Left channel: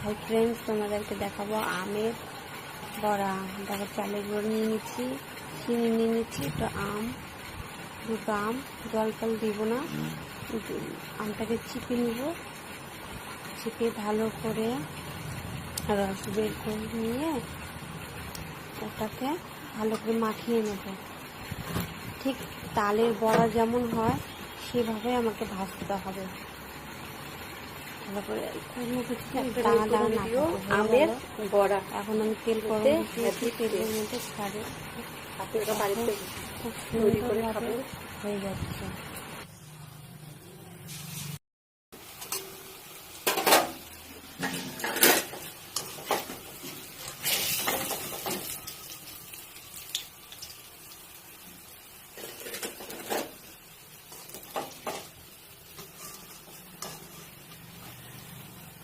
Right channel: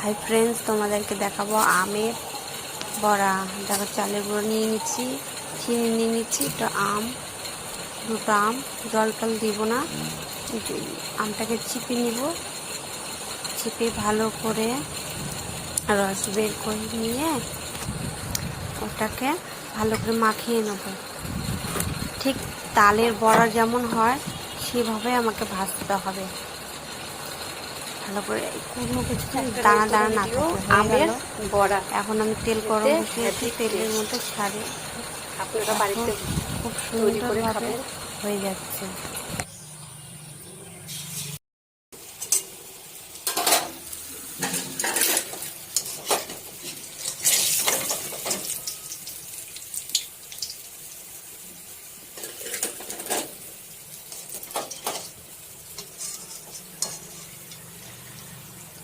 Hi friends, তোমাদেরকে দেখাবো আমের বড়া। দেখো, চালের গুঁড়ো নিয়ে নিচ্ছি, চিনি নিয়ে নিচ্ছি, দুটো আম, জল টল দিব না। আমটাকে চিপে নিব, চিপে ভালো করে রস বের করে নিয়ে ওটাকে ভালো করে মাখিয়ে নেব। ঠিক তালের বড়া যেমন হয় সেভাবে আমাকে ভাজতে হবে ভালো করে, কোনো কিছু দানা দানা না আমের বড়া। এখন আমি তেল গরম বসিয়েছি, তেলের মধ্যে ছাড়ে আপনারা বাড়িতে খুব তৈরি করে সুন্দরভাবে খাবেন। হয়ে যাচ্ছে।